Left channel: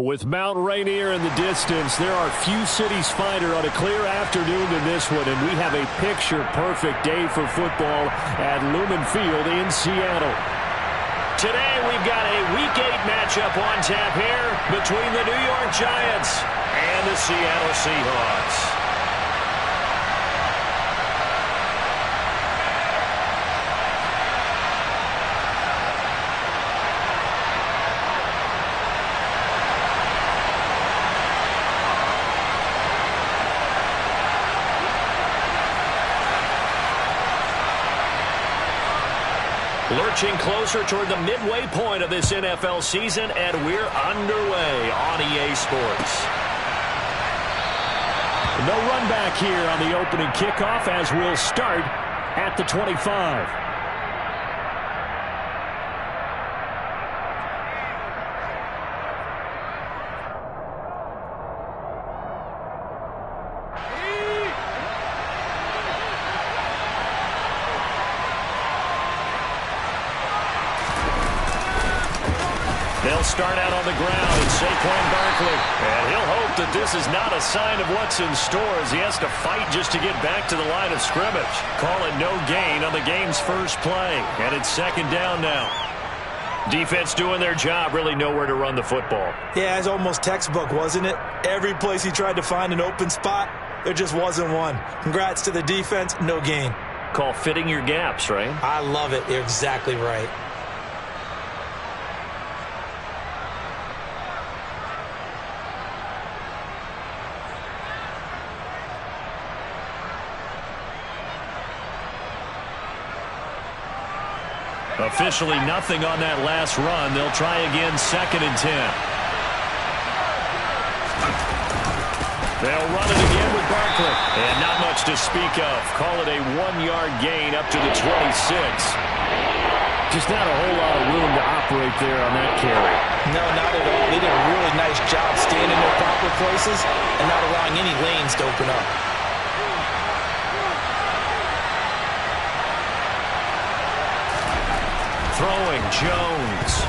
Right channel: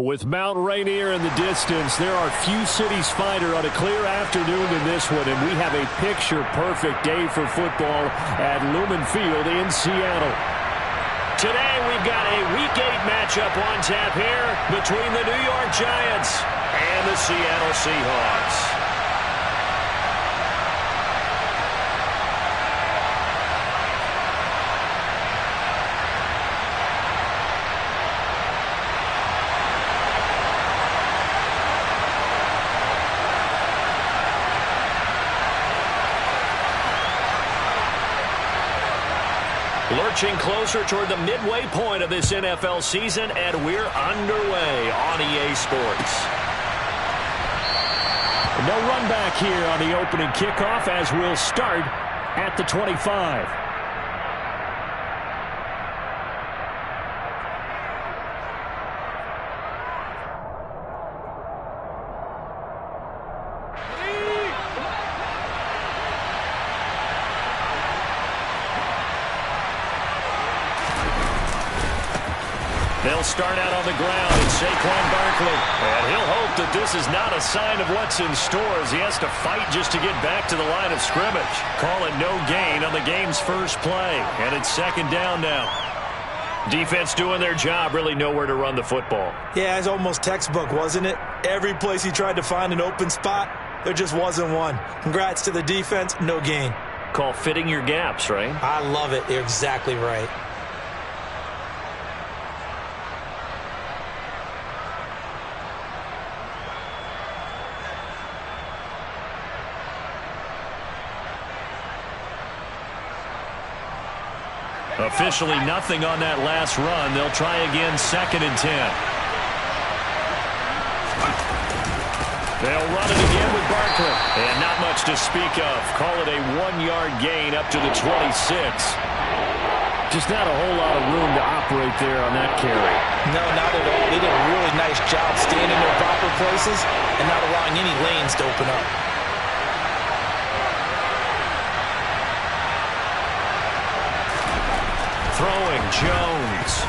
With Mount Rainier in the distance, there are few cities finer on a clear afternoon than this one, and we have a picture-perfect day for football at Lumen Field in Seattle. Today, we've got a Week 8 matchup on tap here between the New York Giants and the Seattle Seahawks. Lurching closer toward the midway point of this NFL season, and we're underway on EA Sports. No run back here on the opening kickoff as we'll start at the 25. They'll start out on the ground in Saquon Barkley. And he'll hope that this is not a sign of what's in store as he has to fight just to get back to the line of scrimmage. Call it no gain on the game's first play. And it's second down now. Defense doing their job, really nowhere to run the football. Yeah, it's almost textbook, wasn't it? Every place he tried to find an open spot, there just wasn't one. Congrats to the defense, no gain. Call fitting your gaps, right? I love it. You're exactly right. Officially nothing on that last run. They'll try again, 2nd and 10. They'll run it again with Barkley. And not much to speak of. Call it a 1-yard gain up to the 26. Just not a whole lot of room to operate there on that carry. No, not at all. They did a really nice job staying in their proper places and not allowing any lanes to open up. Throwing, Jones.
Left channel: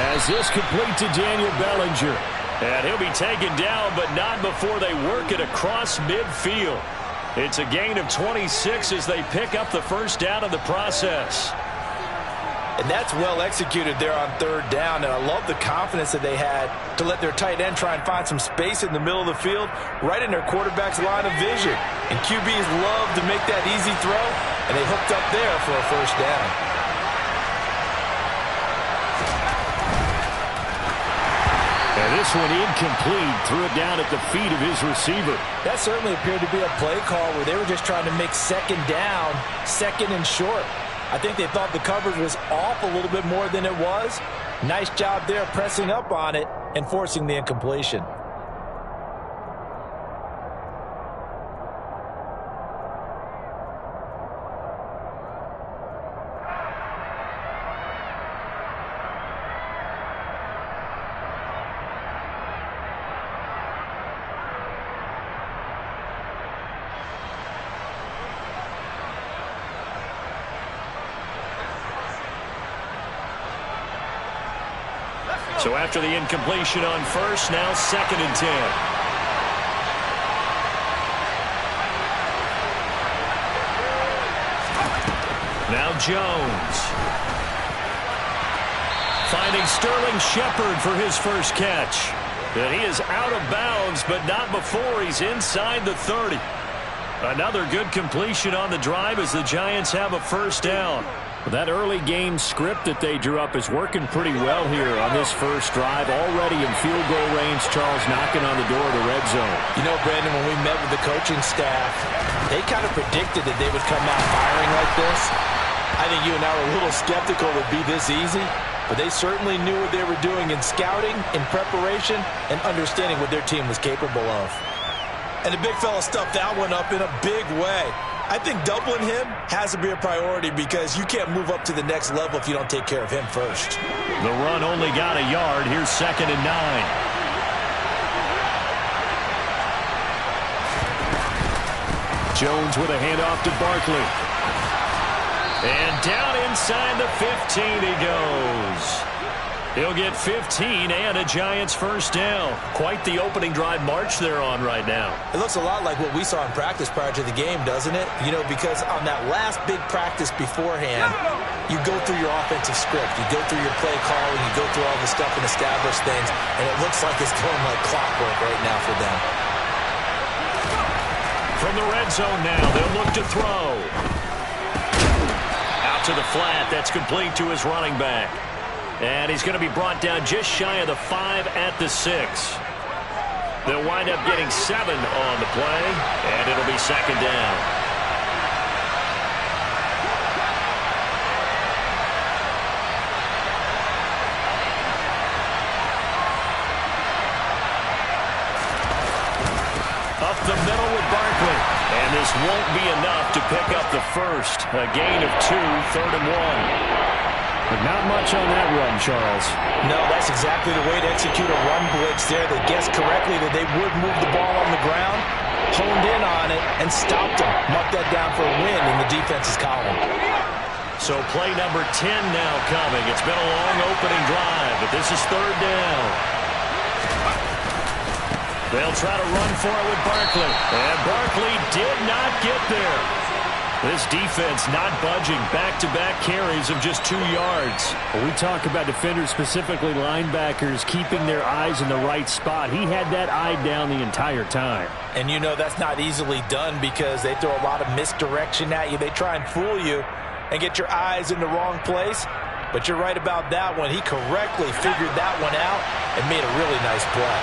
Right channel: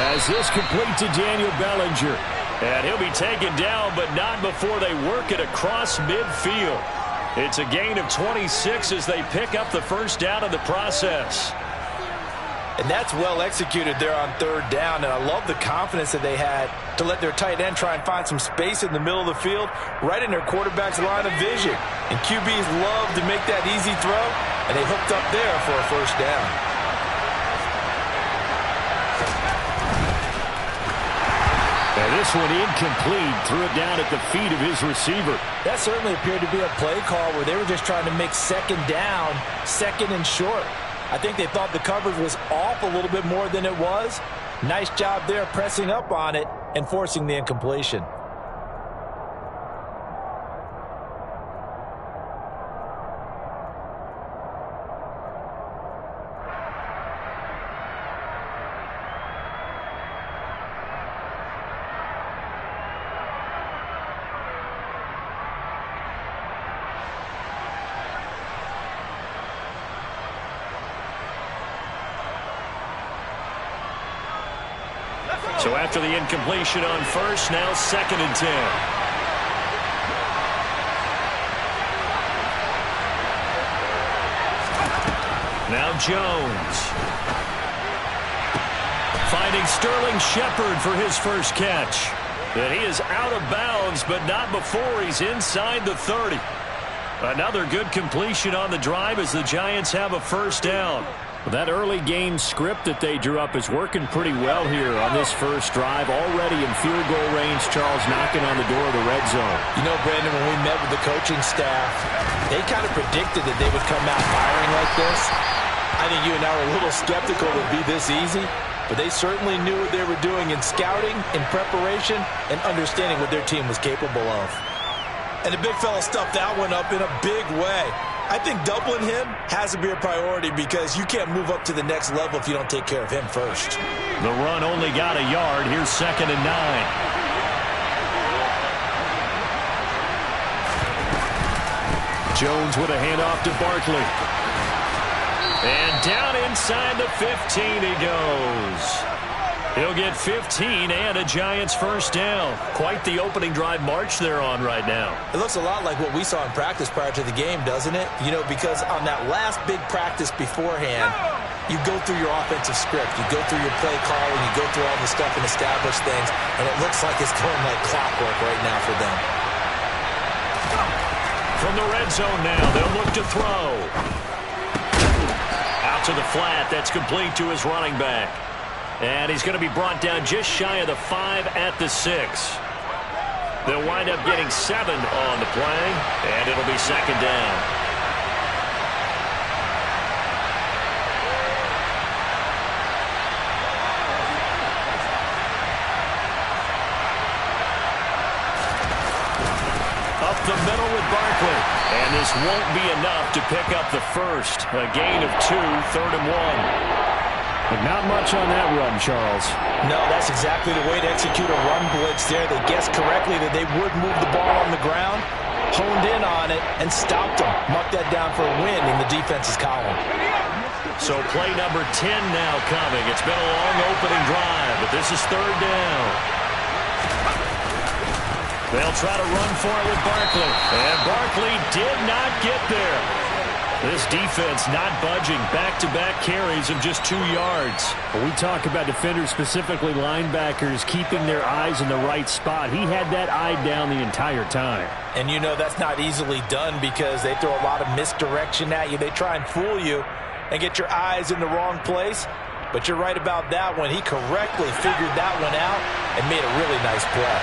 As this complete to Daniel Bellinger. And he'll be taken down, but not before they work it across midfield. It's a gain of 26 as they pick up the first down in the process. And that's well executed there on 3rd down, and I love the confidence that they had to let their tight end try and find some space in the middle of the field, right in their quarterback's line of vision. And QBs love to make that easy throw, and they hooked up there for a first down. And this one incomplete, threw it down at the feet of his receiver. That certainly appeared to be a play call where they were just trying to make 2nd down, 2nd and short. I think they thought the coverage was off a little bit more than it was. Nice job there pressing up on it and forcing the incompletion. So after the incompletion on first, now 2nd and 10. Now Jones. Finding Sterling Shepard for his first catch. And he is out of bounds, but not before he's inside the 30. Another good completion on the drive as the Giants have a first down. That early game script that they drew up is working pretty well here on this first drive. Already in field goal range, Charles knocking on the door of the red zone. You know, Brandon, when we met with the coaching staff, they kind of predicted that they would come out firing like this. I think you and I were a little skeptical it would be this easy, but they certainly knew what they were doing in scouting, in preparation, and understanding what their team was capable of. And the big fella stuffed that one up in a big way. I think doubling him has to be a priority because you can't move up to the next level if you don't take care of him first. The run only got a yard. Here's 2nd and 9. Jones with a handoff to Barkley. And down inside the 15 he goes. He'll get 15 and a Giants first down. Quite the opening drive march they're on right now. It looks a lot like what we saw in practice prior to the game, doesn't it? You know, because on that last big practice beforehand, you go through your offensive script. You go through your play calling. You go through all the stuff and establish things. And it looks like it's going like clockwork right now for them. From the red zone now, they'll look to throw. Out to the flat. That's complete to his running back. And he's going to be brought down just shy of the 5 at the 6. They'll wind up getting 7 on the play, and it'll be second down. Up the middle with Barkley. And this won't be enough to pick up the first. A gain of 2, 3rd and 1. But not much on that run, Charles. No, that's exactly the way to execute a run blitz there. They guessed correctly that they would move the ball on the ground, honed in on it, and stopped them. Marked that down for a win in the defense's column. So play number 10 now coming. It's been a long opening drive, but this is 3rd down. They'll try to run for it with Barkley. And Barkley did not get there. This defense not budging. Back-to-back carries of just 2 yards. When we talk about defenders, specifically linebackers, keeping their eyes in the right spot, he had that eye down the entire time. And you know that's not easily done because they throw a lot of misdirection at you. They try and fool you and get your eyes in the wrong place. But you're right about that one. He correctly figured that one out and made a really nice play.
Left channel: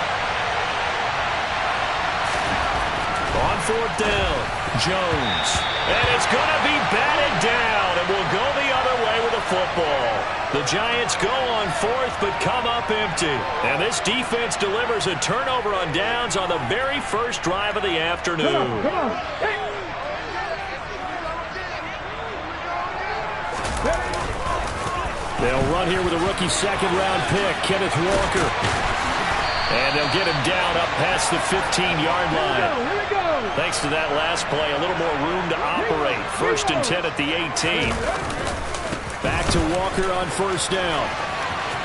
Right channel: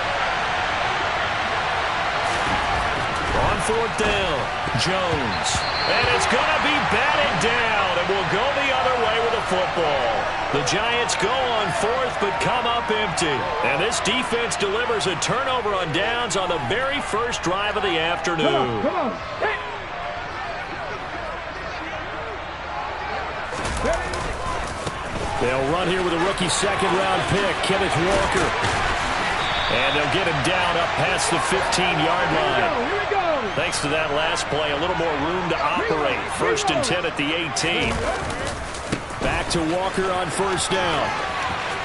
On 4th down, Jones. And it's going to be batted down, and will go the other way with the football. The Giants go on 4th, but come up empty. And this defense delivers a turnover on downs on the very first drive of the afternoon. Come on. Hey. They'll run here with a rookie second-round pick, Kenneth Walker. And they'll get him down up past the 15-yard line. Here we go. Thanks to that last play, a little more room to operate. 1st and 10 at the 18. Back to Walker on 1st down.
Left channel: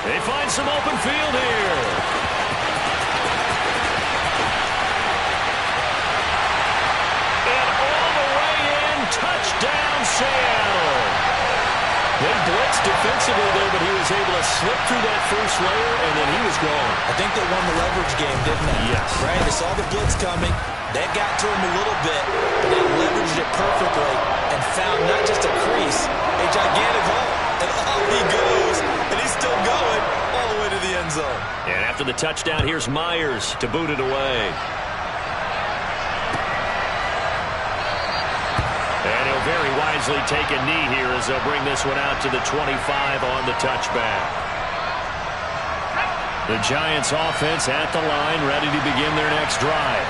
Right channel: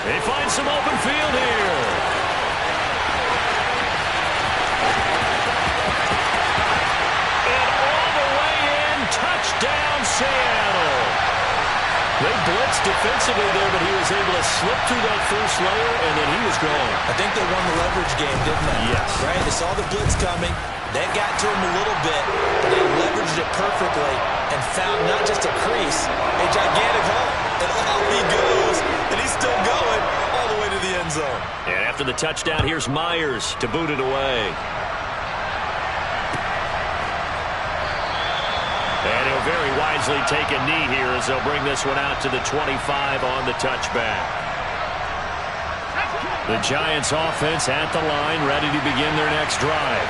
They find some open field here. And all the way in, touchdown Seattle. They blitzed defensively there, but he was able to slip through that first layer, and then he was gone. I think they won the leverage game, didn't they? Yes. Right? They saw the blitz coming. That got to him a little bit, but they leveraged it perfectly and found not just a crease, a gigantic hole. And off he goes, and he's still going all the way to the end zone. And after the touchdown, here's Myers to boot it away. And he'll very wisely take a knee here as they'll bring this one out to the 25 on the touchback. The Giants offense at the line, ready to begin their next drive.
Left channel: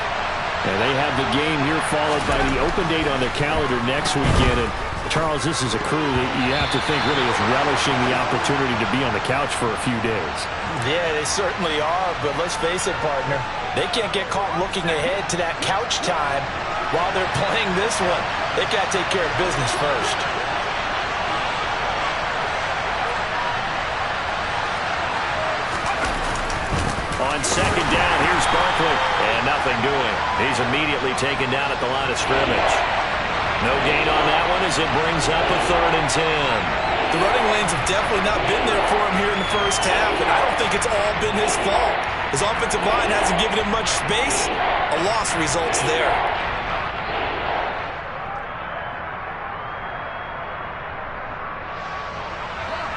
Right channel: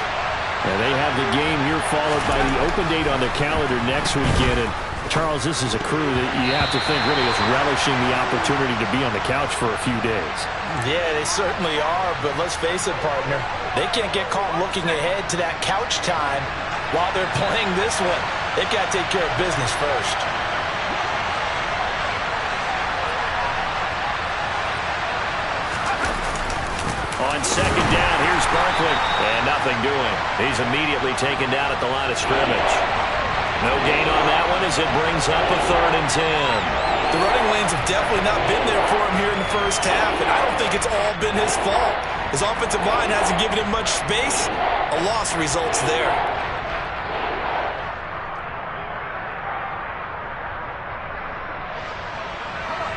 And they have the game here followed by the open date on their calendar next weekend. And Charles, this is a crew that you have to think really is relishing the opportunity to be on the couch for a few days. Yeah, they certainly are, but let's face it, partner. They can't get caught looking ahead to that couch time while they're playing this one. They've got to take care of business first. On 2nd down, here's Barkley. And nothing doing. He's immediately taken down at the line of scrimmage. No gain on that one as it brings up a 3rd and 10. The running lanes have definitely not been there for him here in the first half, and I don't think it's all been his fault. His offensive line hasn't given him much space. A loss results there.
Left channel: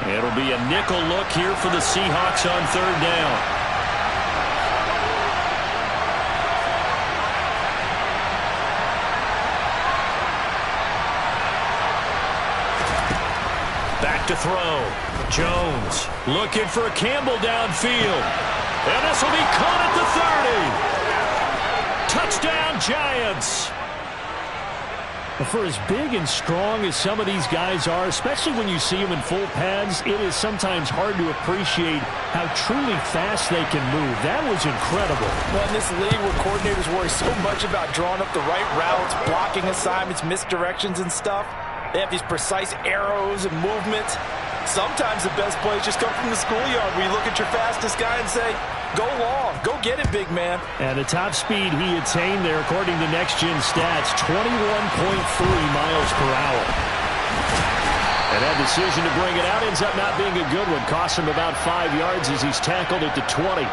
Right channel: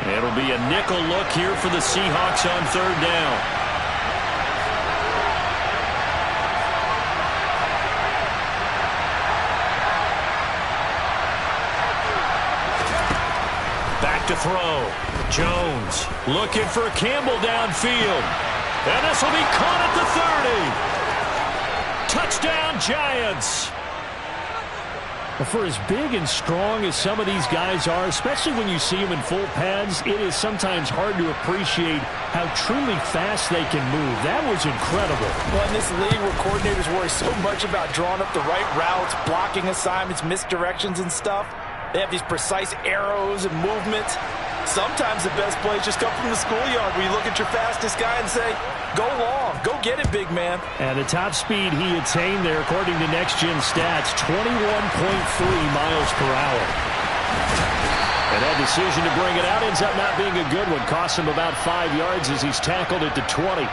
It'll be a nickel look here for the Seahawks on 3rd down. Back to throw. Jones looking for Campbell downfield. And this will be caught at the 30. Touchdown, Giants. But for as big and strong as some of these guys are, especially when you see them in full pads, it is sometimes hard to appreciate how truly fast they can move. That was incredible. Well, in this league where coordinators worry so much about drawing up the right routes, blocking assignments, misdirections and stuff, they have these precise arrows and movements. Sometimes the best plays just come from the schoolyard where you look at your fastest guy and say, go long, go get it, big man. And the top speed he attained there, according to Next Gen Stats, 21.3 miles per hour. And that decision to bring it out ends up not being a good one. Costs him about 5 yards as he's tackled at the 20.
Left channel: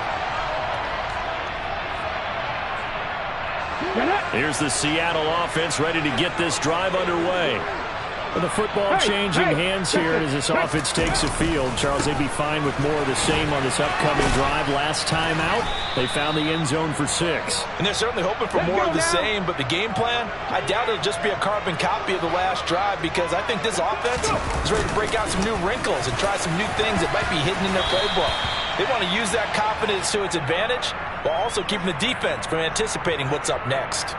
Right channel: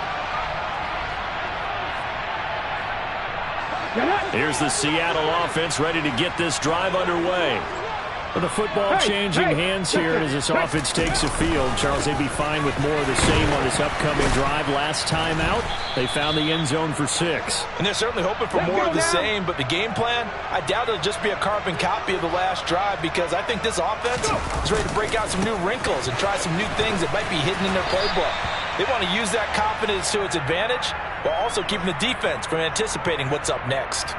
Here's the Seattle offense ready to get this drive underway. The football changing hands here as this offense takes the field. Charles, they'd be fine with more of the same on this upcoming drive. Last time out, they found the end zone for 6. And they're certainly hoping for more of the same, but the game plan, I doubt it'll just be a carbon copy of the last drive because I think this offense is ready to break out some new wrinkles and try some new things that might be hidden in their playbook. They want to use that confidence to its advantage while also keeping the defense from anticipating what's up next.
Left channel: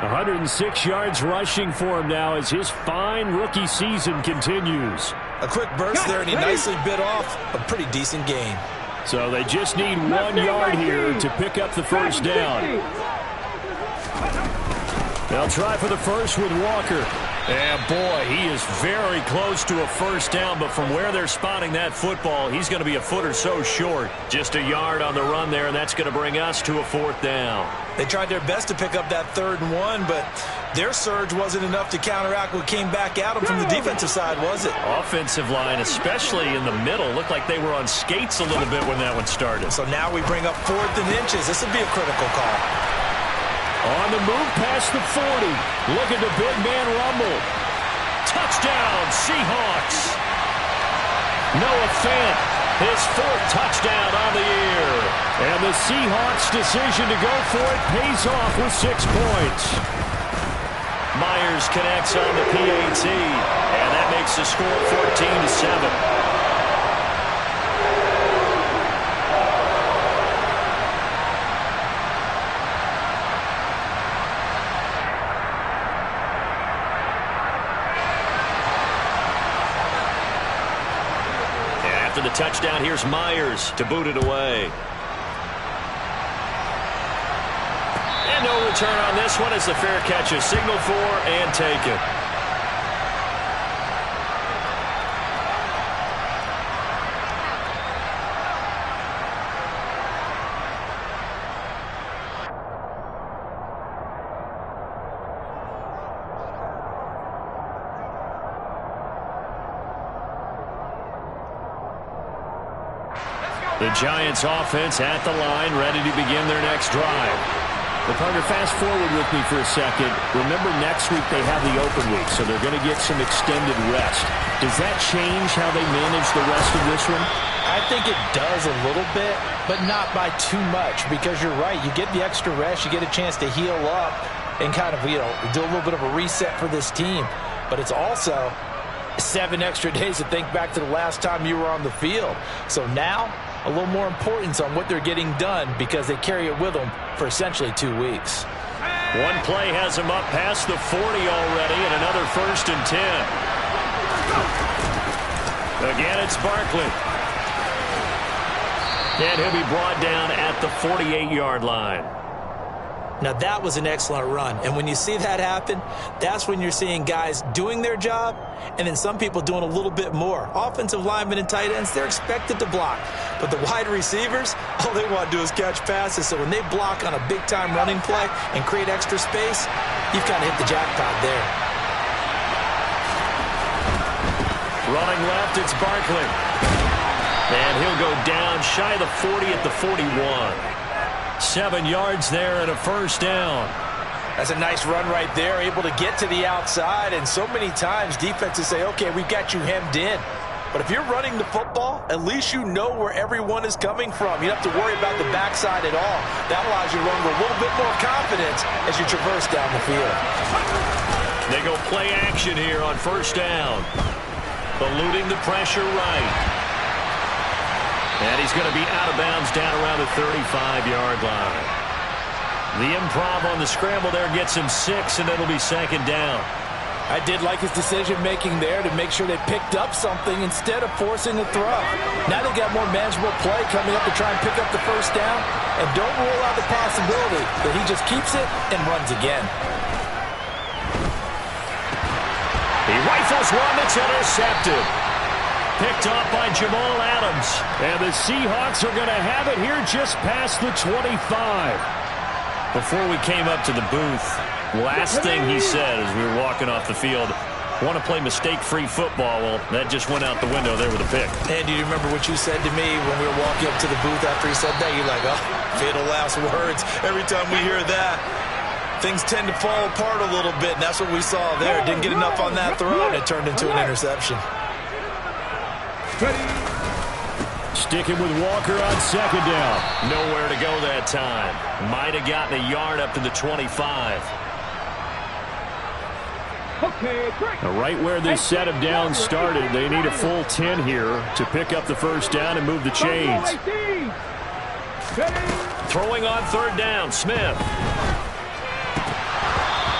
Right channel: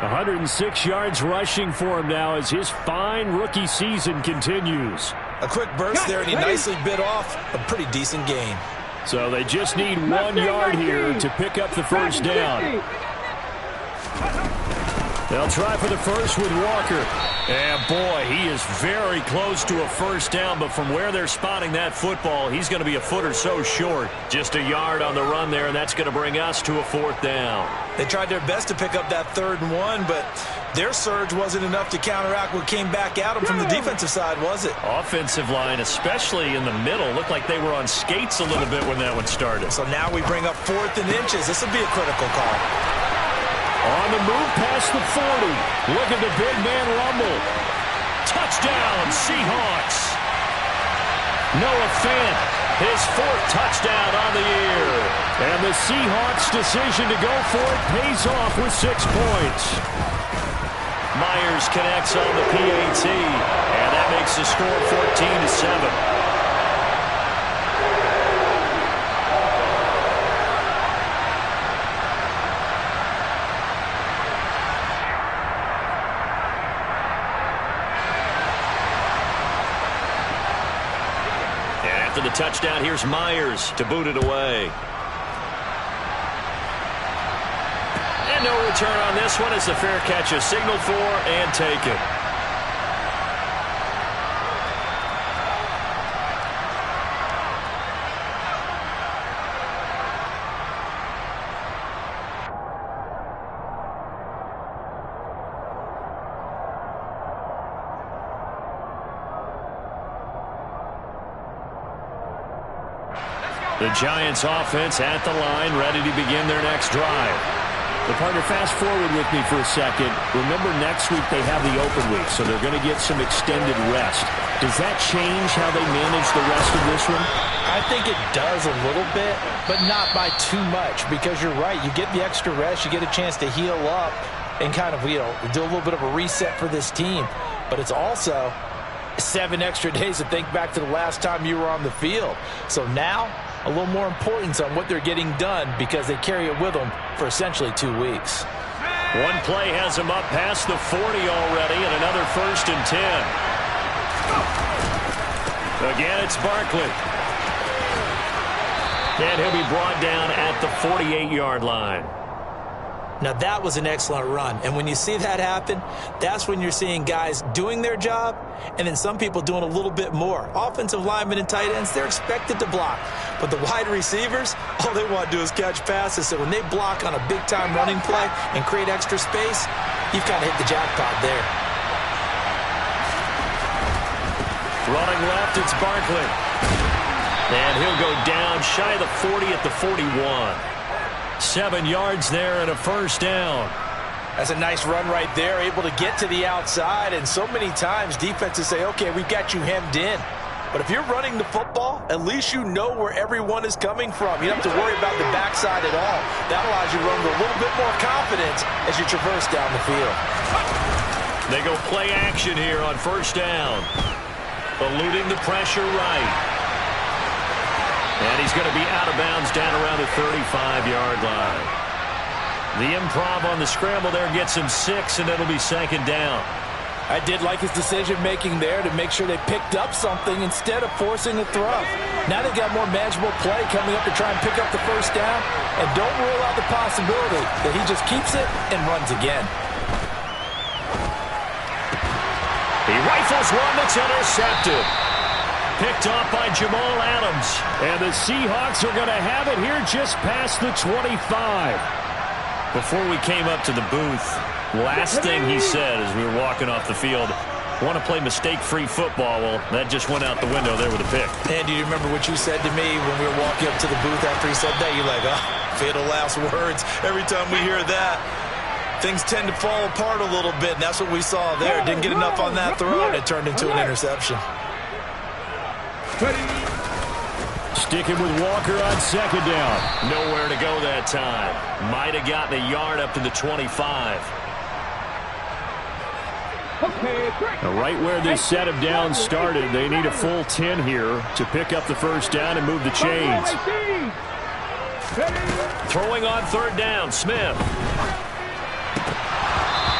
106 yards rushing for him now as his fine rookie season continues. A quick burst there, and he nicely bit off a pretty decent gain. So they just need 1 yard here to pick up the first down. They'll try for the first with Walker. And, boy, he is very close to a first down, but from where they're spotting that football, he's going to be a foot or so short. Just a yard on the run there, and that's going to bring us to a 4th down. They tried their best to pick up that 3rd and 1, but their surge wasn't enough to counteract what came back at them from the defensive side, was it? Offensive line, especially in the middle, looked like they were on skates a little bit when that one started. So now we bring up 4th and inches. This will be a critical call. On the move past the 40. Look at the big man rumble. Touchdown, Seahawks. Noah Fant, his 4th touchdown on the year. And the Seahawks' decision to go for it pays off with 6 points. Myers connects on the PAT, and that makes the score 14-7. After the touchdown, here's Myers to boot it away. And no return on this one as the fair catch is signaled for and taken. The Giants offense at the line, ready to begin their next drive. But partner, fast forward with me for a second. Remember, next week they have the open week, so they're going to get some extended rest. Does that change how they manage the rest of this one? I think it does a little bit, but not by too much, because you're right. You get the extra rest, you get a chance to heal up and kind of, do a little bit of a reset for this team. But it's also 7 extra days to think back to the last time you were on the field. So now, a little more importance on what they're getting done because they carry it with them for essentially 2 weeks. One play has him up past the 40 already, and another 1st and 10. Again, it's Barkley. And he'll be brought down at the 48-yard line. Now, that was an excellent run. And when you see that happen, that's when you're seeing guys doing their job and then some people doing a little bit more. Offensive linemen and tight ends, they're expected to block. But the wide receivers, all they want to do is catch passes. So when they block on a big-time running play and create extra space, you've kind of hit the jackpot there. Running left, it's Barkley. And he'll go down shy of the 40 at the 41. 7 yards there and a first down. That's a nice run right there, able to get to the outside. And so many times defenses say, okay, we've got you hemmed in. But if you're running the football, at least you know where everyone is coming from. You don't have to worry about the backside at all. That allows you to run with a little bit more confidence as you traverse down the field. They go play action here on first down. Eluding the pressure right. And he's going to be out of bounds down around the 35-yard line. The improv on the scramble there gets him 6, and it'll be 2nd down. I did like his decision-making there to make sure they picked up something instead of forcing a throw. Now they got more manageable play coming up to try and pick up the first down, and don't rule out the possibility that he just keeps it and runs again. He rifles one that's intercepted. picked off by Jamal Adams. And the Seahawks are going to have it here just past the 25. Before we came up to the booth, last thing he said as we were walking off the field, want to play mistake-free football. Well, that just went out the window there with a pick. And do you remember what you said to me when we were walking up to the booth after he said that? You're like, oh, fatal last words. Every time we hear that, things tend to fall apart a little bit, and that's what we saw there. Didn't get enough on that throw, and it turned into an interception. Sticking with Walker on second down. Nowhere to go that time. Might have gotten a yard up to the 25. Right where this set of downs started, they need a full 10 here to pick up the first down and move the chains. Throwing on third down, Smith.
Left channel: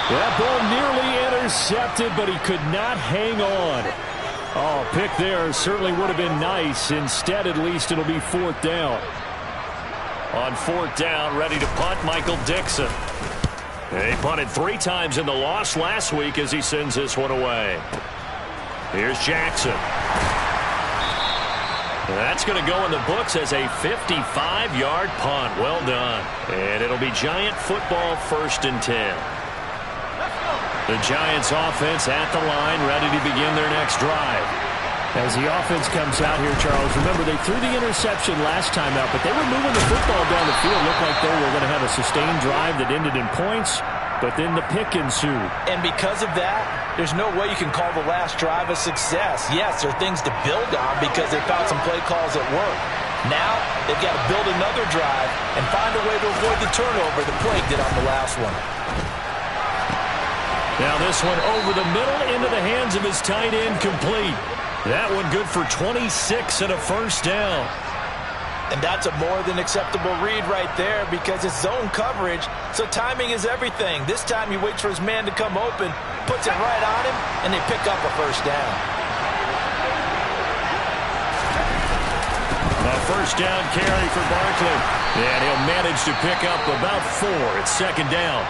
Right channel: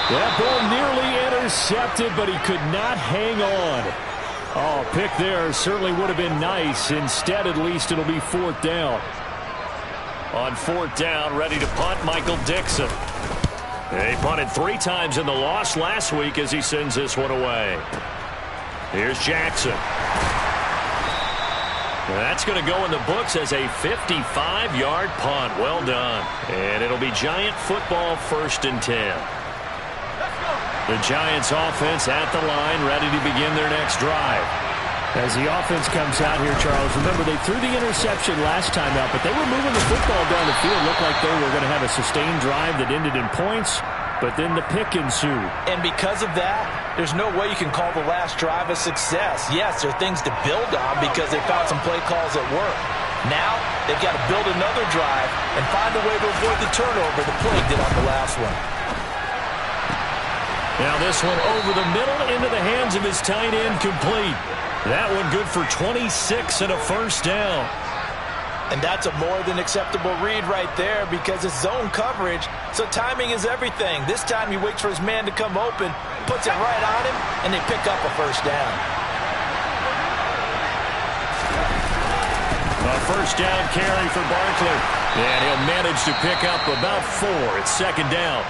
That ball nearly intercepted, but he could not hang on. Oh, pick there certainly would have been nice. Instead, at least it'll be fourth down. On fourth down, ready to punt, Michael Dixon. He punted 3 times in the loss last week as he sends this one away. Here's Jackson. That's going to go in the books as a 55-yard punt. Well done. And it'll be Giant football, 1st and 10. The Giants offense at the line, ready to begin their next drive. As the offense comes out here, Charles, remember they threw the interception last time out, but they were moving the football down the field. Looked like they were going to have a sustained drive that ended in points, but then the pick ensued. And because of that, there's no way you can call the last drive a success. Yes, there are things to build on because they found some play calls that work. Now, they've got to build another drive and find a way to avoid the turnover the play did on the last one. Now this one over the middle into the hands of his tight end, complete. That one good for 26 and a first down. And that's a more than acceptable read right there because it's zone coverage, so timing is everything. This time he waits for his man to come open, puts it right on him, and they pick up a first down. A first down carry for Barkley. And he'll manage to pick up about 4 at second down.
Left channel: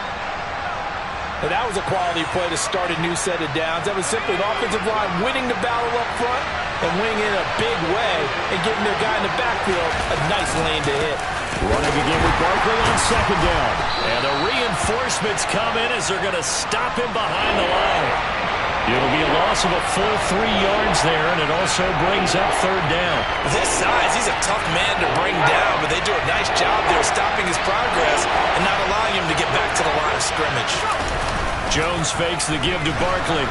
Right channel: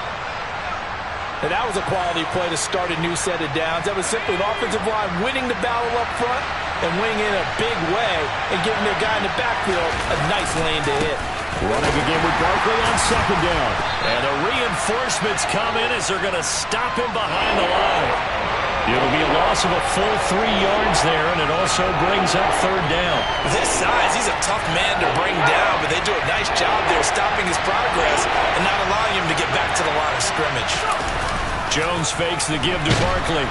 Now that was a quality play to start a new set of downs. That was simply an offensive line winning the battle up front and winning in a big way and giving their guy in the backfield a nice lane to hit. Running again with Barkley on second down. And the reinforcements come in as they're going to stop him behind the line. It'll be a loss of a full 3 yards there, and it also brings up third down. With his size, he's a tough man to bring down, but they do a nice job there stopping his progress and not allowing him to get back to the line of scrimmage. Jones fakes the give to Barkley.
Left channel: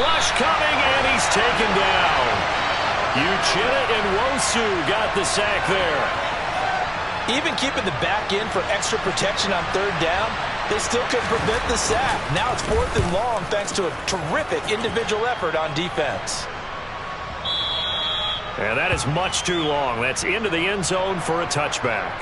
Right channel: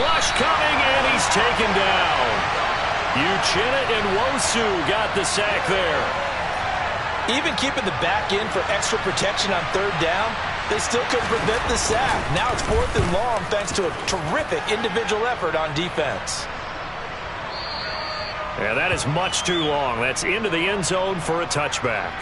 Rush coming, and he's taken down. Uchenna and Nwosu got the sack there. Even keeping the back end for extra protection on third down, they still couldn't prevent the sack. Now it's 4th and long thanks to a terrific individual effort on defense. And that is much too long. That's into the end zone for a touchback.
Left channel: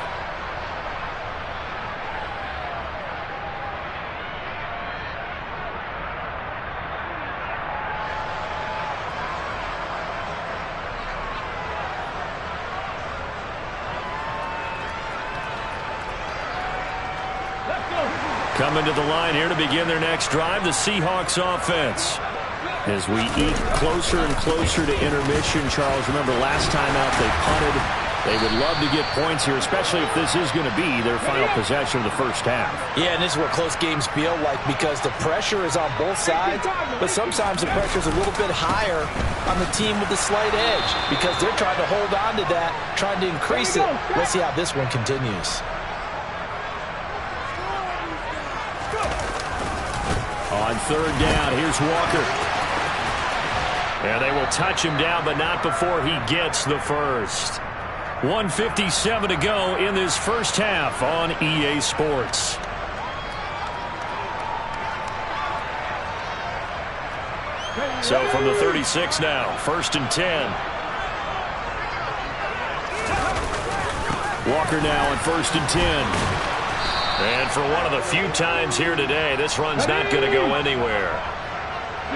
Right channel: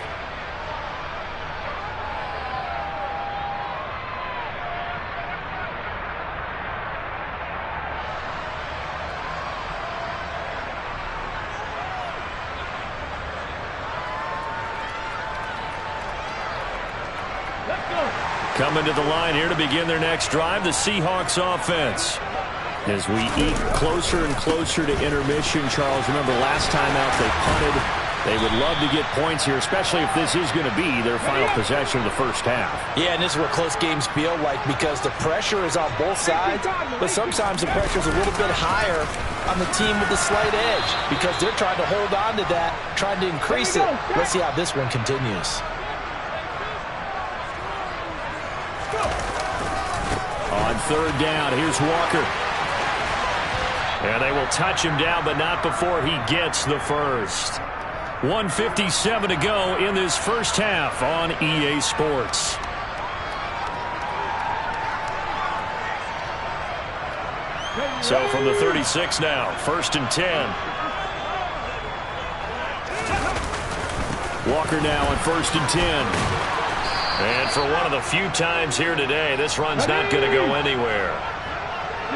Coming to the line here to begin their next drive, the Seahawks offense. As we eke closer and closer to intermission, Charles, remember last time out they punted. They would love to get points here, especially if this is going to be their final possession of the first half. Yeah, and this is what close games feel like because the pressure is on both sides, but sometimes the pressure is a little bit higher on the team with the slight edge because they're trying to hold on to that, trying to increase it. Let's see how this one continues. On third down, here's Walker. And they will touch him down, but not before he gets the first. 1:57 to go in this first half on EA Sports. So from the 36 now, 1st and 10. Walker now on 1st and 10. And for one of the few times here today, this run's not going to go anywhere.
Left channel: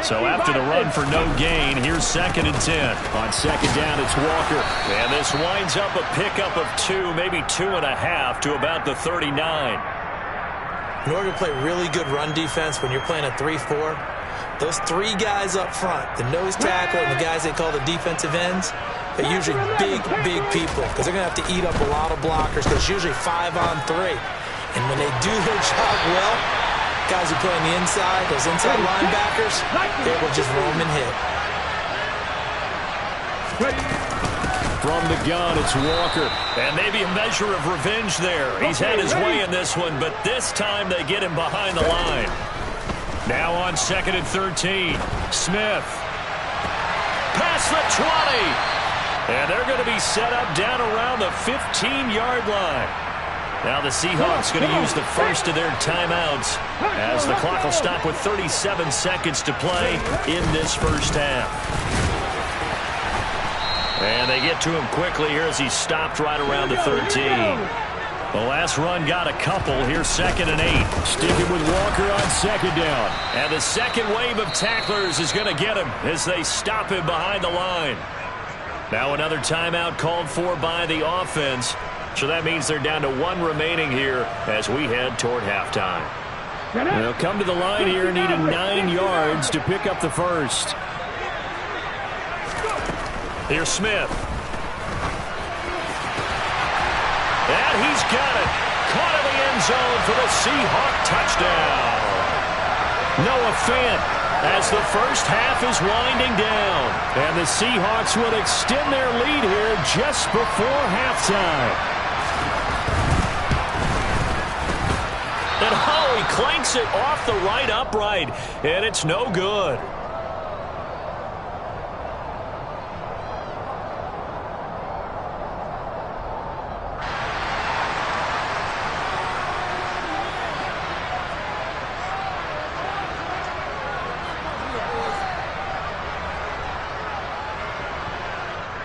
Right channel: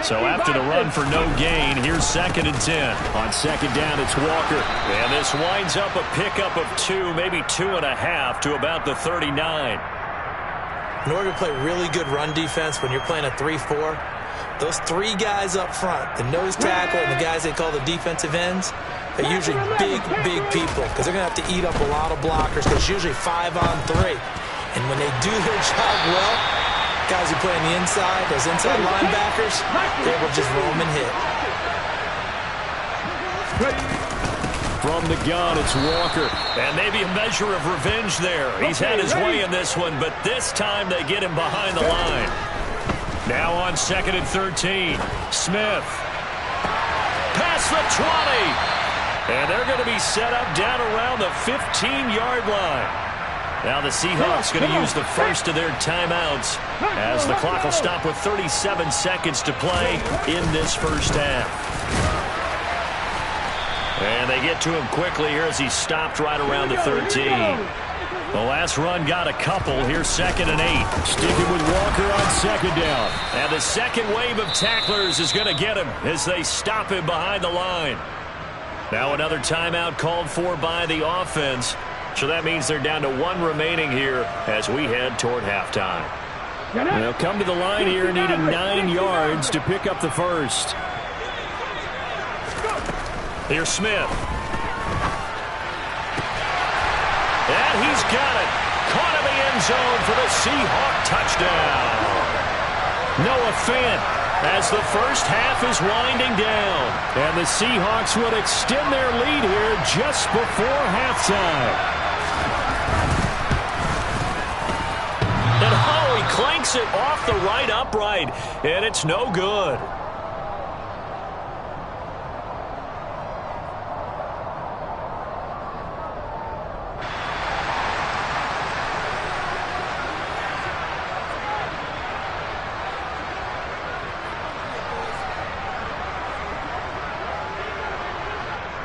So after the run for no gain, here's 2nd and 10. On second down, it's Walker. And this winds up a pickup of 2, maybe 2.5 to about the 39. In order to play really good run defense when you're playing a 3-4, those three guys up front, the nose tackle and the guys they call the defensive ends, they're usually big, big people because they're going to have to eat up a lot of blockers because it's usually 5-on-3. And when they do their job well, guys who play on the inside, those inside linebackers, they will just roam and hit. From the gun, it's Walker. And maybe a measure of revenge there. He's had his way in this one, but this time they get him behind the line. Now on 2nd and 13. Smith. Past the 20. And they're going to be set up down around the 15-yard line. Now the Seahawks going to use the first of their timeouts as the clock will stop with 37 seconds to play in this first half. And they get to him quickly here as he stopped right around the 13. The last run got a couple. Here's 2nd and 8. Sticking with Walker on 2nd down. And the second wave of tacklers is going to get him as they stop him behind the line. Now another timeout called for by the offense. So that means they're down to one remaining here as we head toward halftime. They'll come to the line here needing 9 yards to pick up the first. Here's Smith. And he's got it. Caught in the end zone for the Seahawk touchdown. Noah Fant as the first half is winding down. And the Seahawks will extend their lead here just before halftime. And he clanks it off the right upright. And it's no good.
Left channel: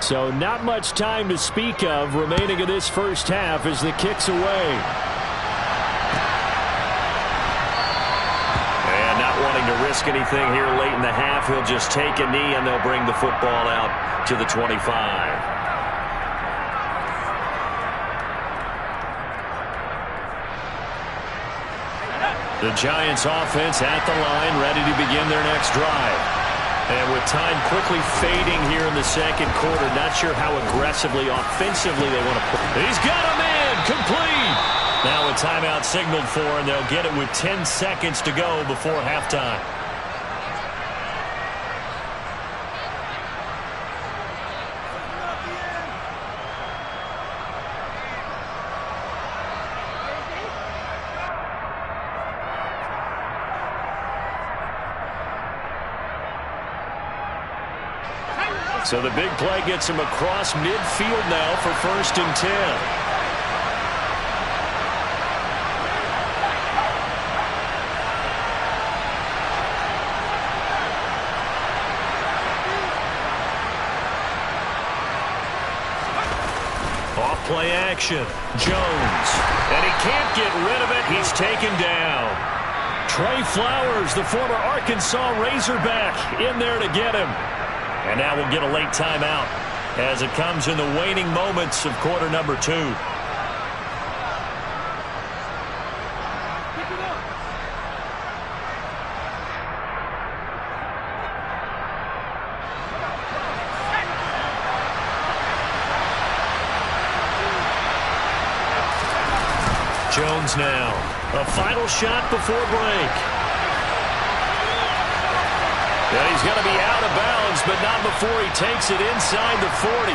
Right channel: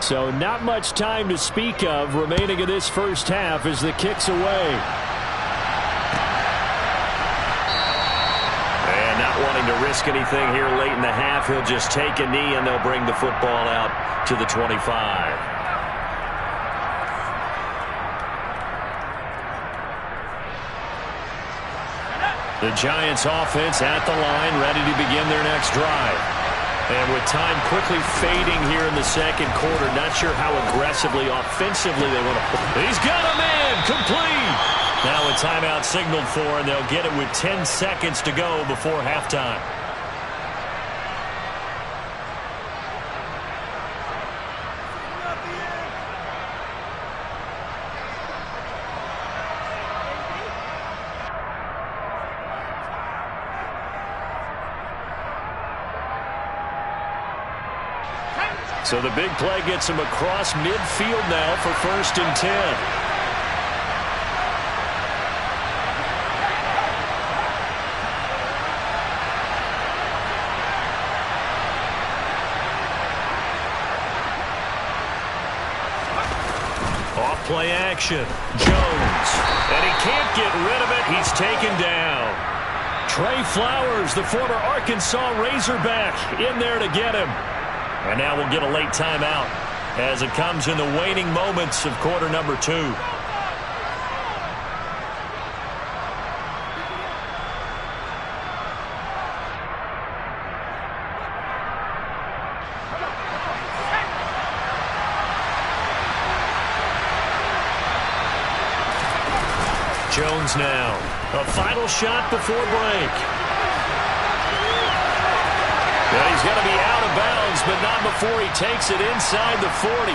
So not much time to speak of remaining in this first half as the kick's away. And not wanting to risk anything here late in the half, he'll just take a knee and they'll bring the football out to the 25. The Giants offense at the line, ready to begin their next drive. And with time quickly fading here in the second quarter, not sure how aggressively, offensively they want to play. He's got a man, complete. Now a timeout signaled for, and they'll get it with 10 seconds to go before halftime. So the big play gets him across midfield now for 1st and 10. Off play action. Jones. And he can't get rid of it. He's taken down. Trey Flowers, the former Arkansas Razorback, in there to get him. And now we'll get a late timeout as it comes in the waning moments of quarter number 2. Jones now. A final shot before break. And he's going to be out of bounds, but not before he takes it inside the 40.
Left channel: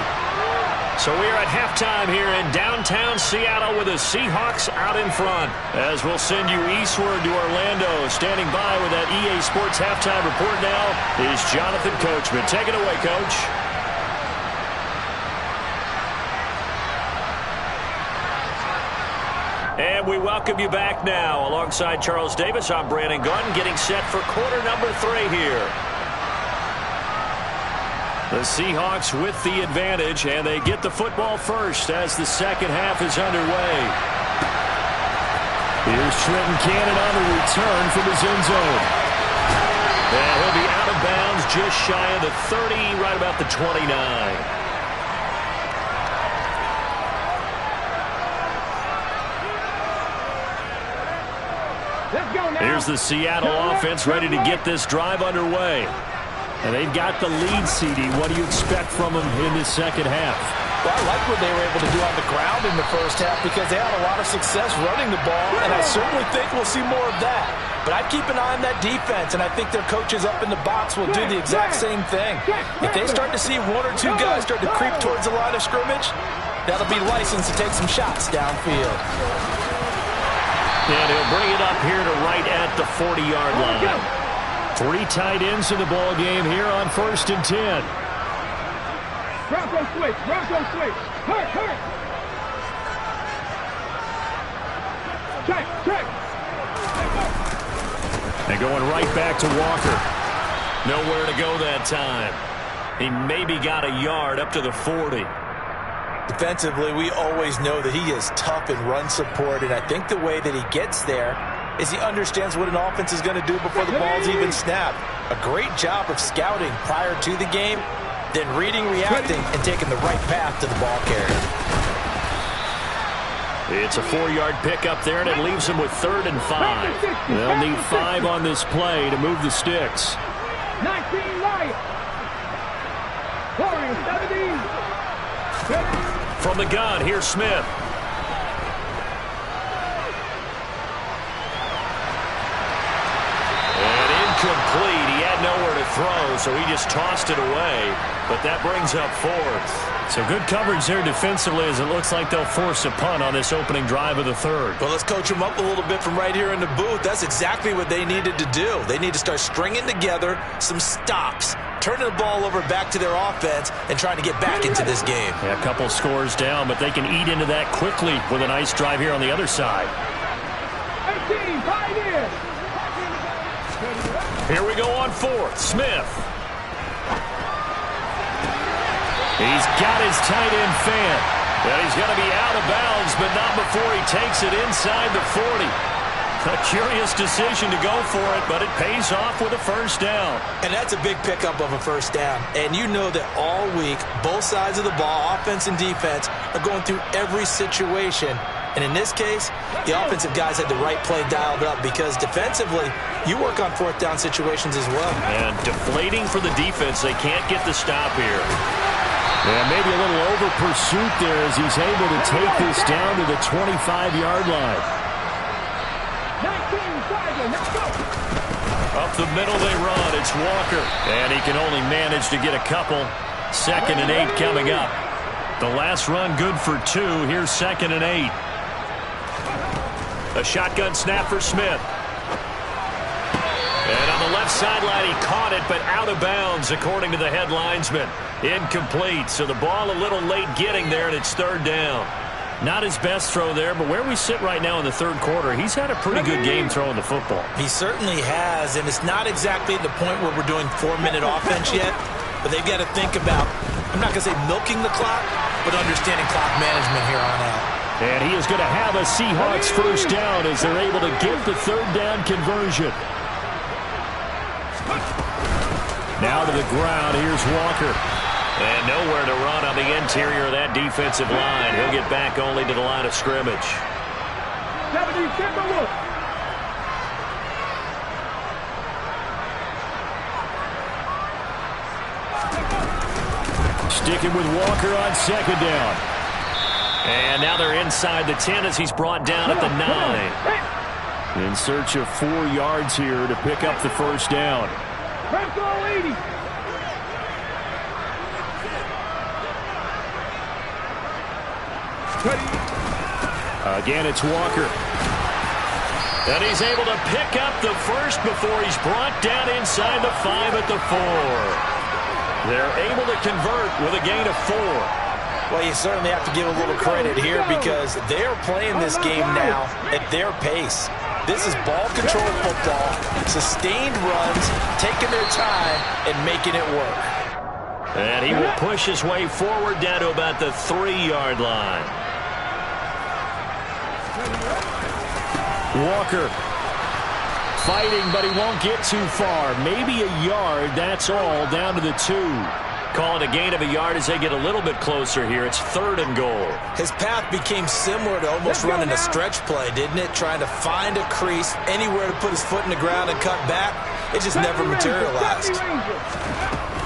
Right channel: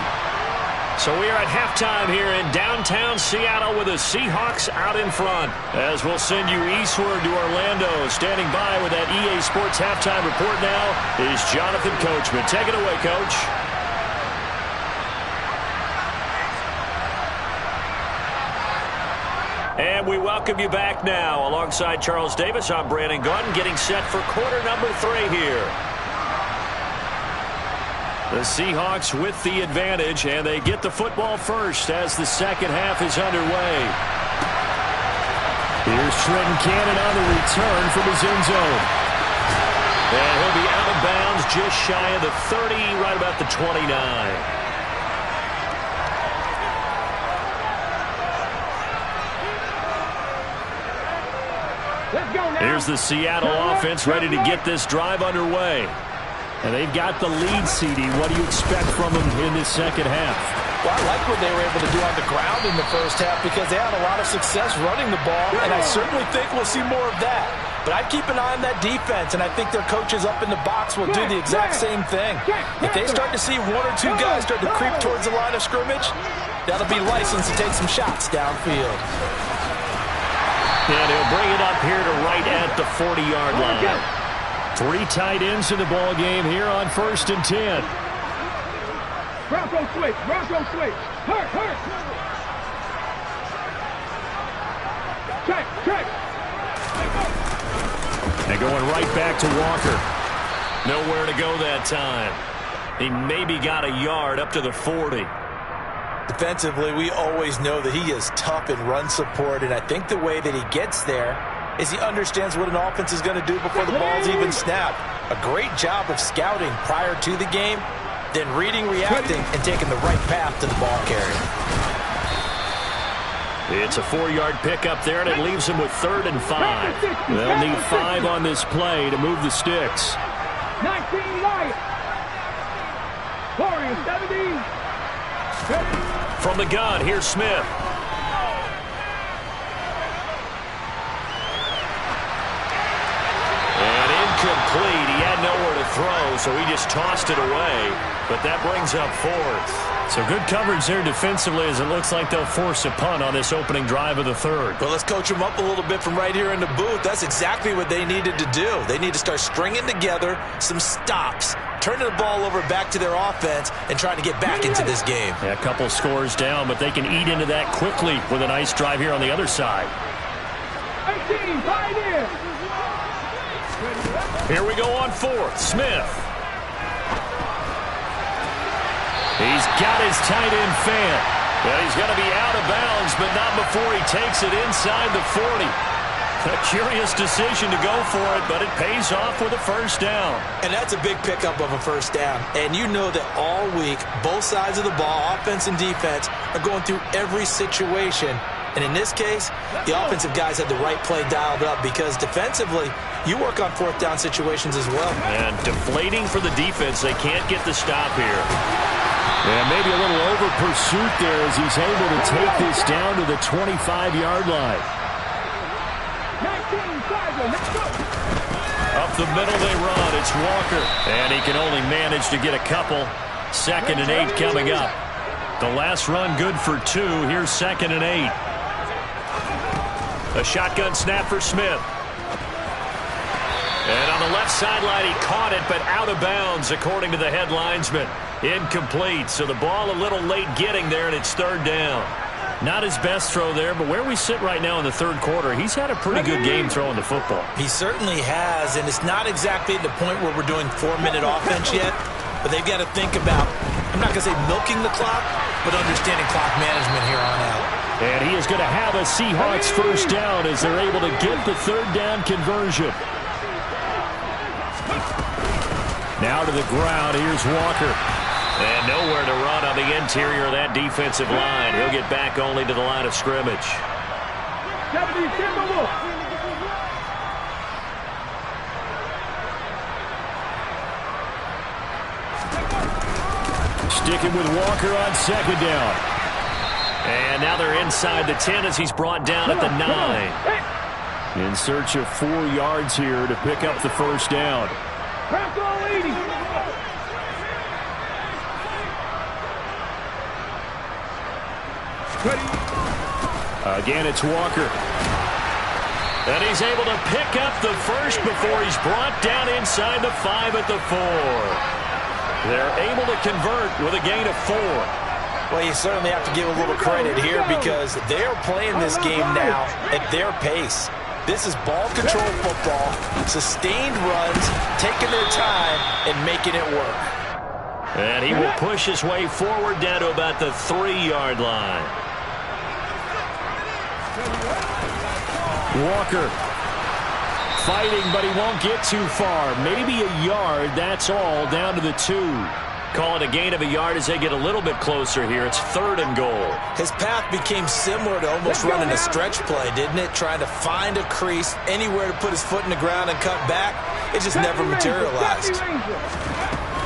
So we are at halftime here in downtown Seattle with the Seahawks out in front. As we'll send you eastward to Orlando. Standing by with that EA Sports halftime report now is Jonathan Coachman. Take it away, Coach. And we welcome you back now. Alongside Charles Davis, I'm Brandon Gaudin, getting set for quarter number 3 here. The Seahawks with the advantage, and they get the football first as the second half is underway. Here's Trenton Cannon on the return from his end zone. And he'll be out of bounds just shy of the 30, right about the 29. Let's go now. Here's the Seattle offense ready to get this drive underway. And they've got the lead, CD. What do you expect from them in this second half? Well, I like what they were able to do on the ground in the first half because they had a lot of success running the ball, and I certainly think we'll see more of that. But I'd keep an eye on that defense, and I think their coaches up in the box will do the exact same thing. If they start to see one or two guys start to creep towards the line of scrimmage, that'll be licensed to take some shots downfield. And he'll bring it up here to right at the 40-yard line. 3 tight ends in the ball game here on 1st and 10. Bronco switch. Hurt. Check. And going right back to Walker. Nowhere to go that time. He maybe got a yard up to the 40. Defensively, we always know that he is tough in run support, and I think the way that he gets there is he understands what an offense is going to do before the ball's even snapped. A great job of scouting prior to the game, then reading, reacting, and taking the right path to the ball carrier. It's a 4-yard pickup there, and it leaves them with 3rd and 5. They'll need 5 on this play to move the sticks. 19 Lions. Warriors 17. From the gun, here's Smith. And incomplete. He had nowhere to throw, so he just tossed it away. But that brings up 4th. So good coverage there defensively as it looks like they'll force a punt on this opening drive of the 3rd. Well, let's coach them up a little bit from right here in the booth. That's exactly what they needed to do. They need to start stringing together some stops, turning the ball over back to their offense, and trying to get back into this game. Yeah, a couple scores down, but they can eat into that quickly with a nice drive here on the other side. 18, 5 in. Here we go on 4th. Smith. He's got his tight end fan. Well, he's going to be out of bounds, but not before he takes it inside the 40. A curious decision to go for it, but it pays off with a 1st down. And that's a big pickup of a 1st down. And you know that all week, both sides of the ball, offense and defense, are going through every situation. And in this case, the offensive guys had the right play dialed up because defensively, you work on 4th down situations as well. And deflating for the defense. They can't get the stop here. Yeah, maybe a little over pursuit there as he's able to take this down to the 25-yard line. 19, 5, let's go. Up the middle they run. It's Walker. And he can only manage to get a couple. 2nd and 8 coming up. The last run good for 2. Here's 2nd and 8. A shotgun snap for Smith. And on the left sideline, he caught it, but out of bounds, according to the head linesman. Incomplete, so the ball a little late getting there, and it's 3rd down. Not his best throw there, but where we sit right now in the 3rd quarter, he's had a pretty good game throwing the football. He certainly has, and it's not exactly at the point where we're doing 4-minute offense yet, but they've got to think about, I'm not going to say milking the clock, but understanding clock management here on out. And he is going to have a Seahawks 1st down as they're able to get the 3rd down conversion. Now to the ground. Here's Walker. And nowhere to run on the interior of that defensive line. He'll get back only to the line of scrimmage. 70, Timberwolves. Sticking with Walker on 2nd down. And now they're inside the 10 as he's brought down at the 9. In search of 4 yards here to pick up the 1st down. Bronco 80. Again, it's Walker. And he's able to pick up the 1st before he's brought down inside the 5 at the 4. They're able to convert with a gain of 4. Well, you certainly have to give a little credit here because they are playing this game now at their pace. This is ball control football, sustained runs, taking their time, and making it work. And he will push his way forward down to about the 3-yard line. Walker fighting, but he won't get too far. Maybe a yard, that's all, down to the 2. Call it a gain of a yard as they get a little bit closer here. It's 3rd and goal. His path became similar to almost running a stretch play, didn't it? Trying to find a crease, anywhere to put his foot in the ground and cut back. It just never materialized.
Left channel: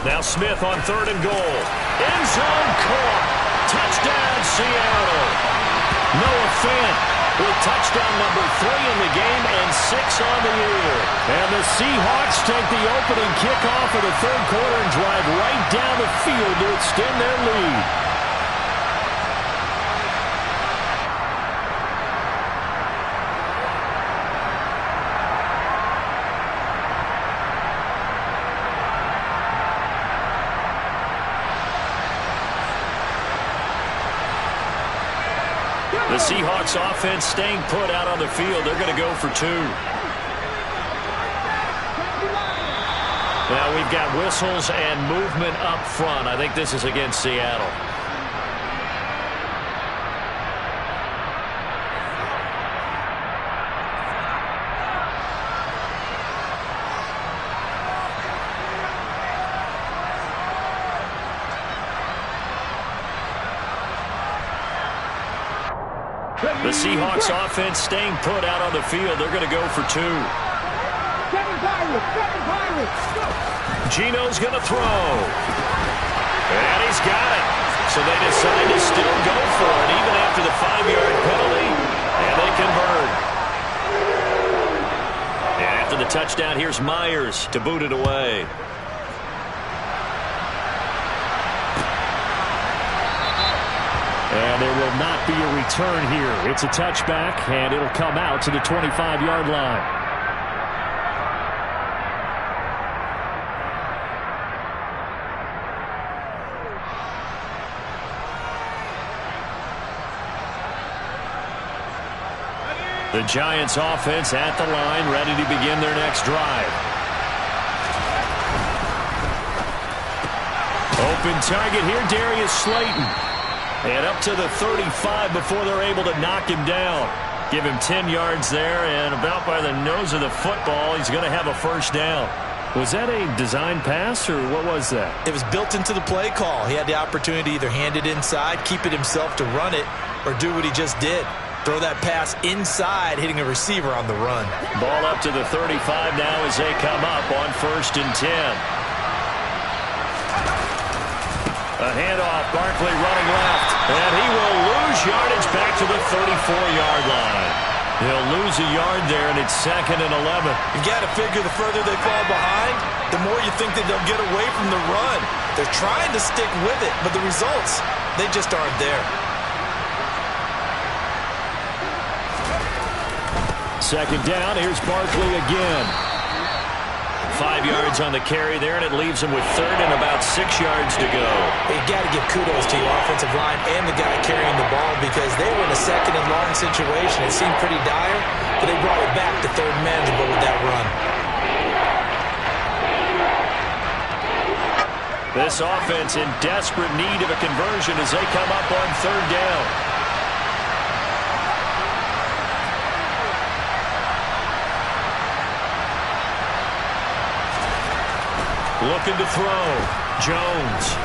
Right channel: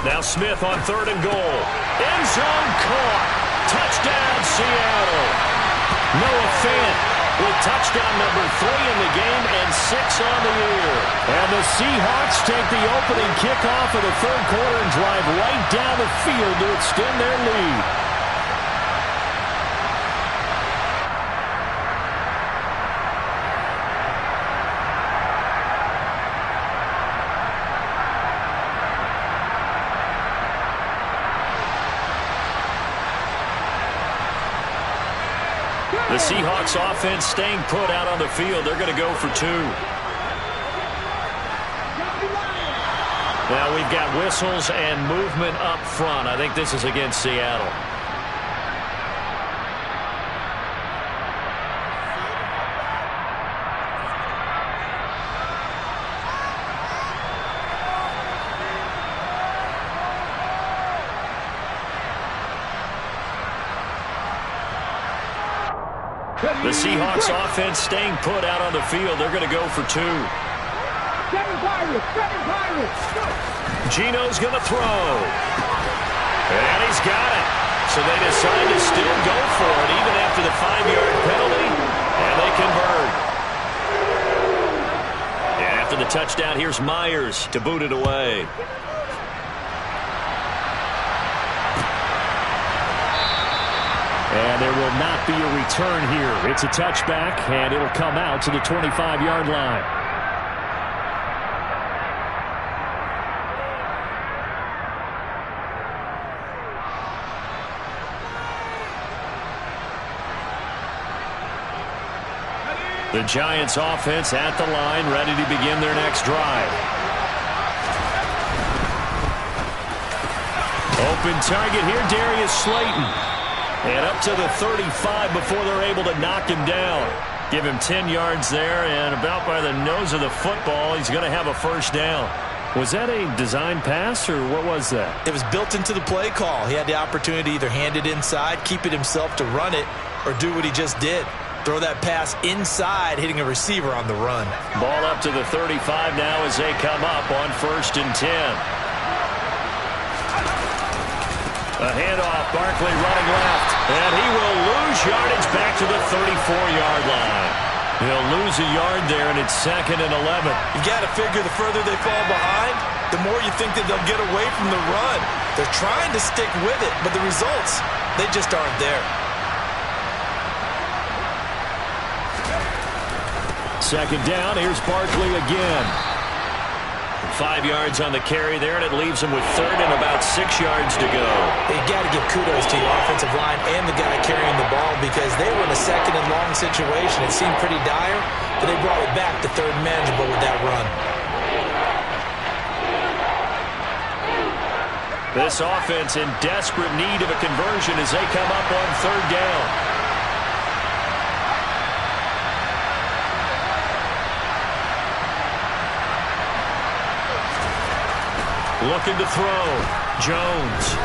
Now Smith on 3rd and goal. End zone caught. Touchdown, Seattle. Noah Fant with touchdown number 3 in the game and 6 on the year. And the Seahawks take the opening kickoff of the 3rd quarter and drive right down the field to extend their lead. The Seahawks offense staying put out on the field. They're going to go for 2. Now we've got whistles and movement up front. I think this is against Seattle. The Seahawks offense staying put out on the field. They're going to go for 2. 7 Pirates, go! Gino's going to throw. And he's got it. So they decide to still go for it even after the 5-yard penalty. And they convert. And after the touchdown, here's Myers to boot it away. And there will not be a return here. It's a touchback, and it'll come out to the 25-yard line. The Giants offense at the line, ready to begin their next drive. Open target here, Darius Slayton. And up to the 35 before they're able to knock him down. Give him 10 yards there, and about by the nose of the football, he's going to have a first down. Was that a design pass, or what was that? It was built into the play call. He had the opportunity to either hand it inside, keep it himself to run it, or do what he just did. Throw that pass inside, hitting a receiver on the run. Ball up to the 35 now as they come up on 1st and 10. A handoff, Barkley running left, and he will lose yardage back to the 34-yard line. He'll lose a yard there, and it's 2nd and 11. You've got to figure the further they fall behind, the more you think that they'll get away from the run. They're trying to stick with it, but the results, they just aren't there. 2nd down, here's Barkley again. 5 yards on the carry there, and it leaves him with 3rd and about 6 yards to go. You got to give kudos to your offensive line and the guy carrying the ball because they were in a 2nd and long situation. It seemed pretty dire, but they brought it back to 3rd and manageable with that run. This offense in desperate need of a conversion as they come up on 3rd down. Looking to throw. Jones.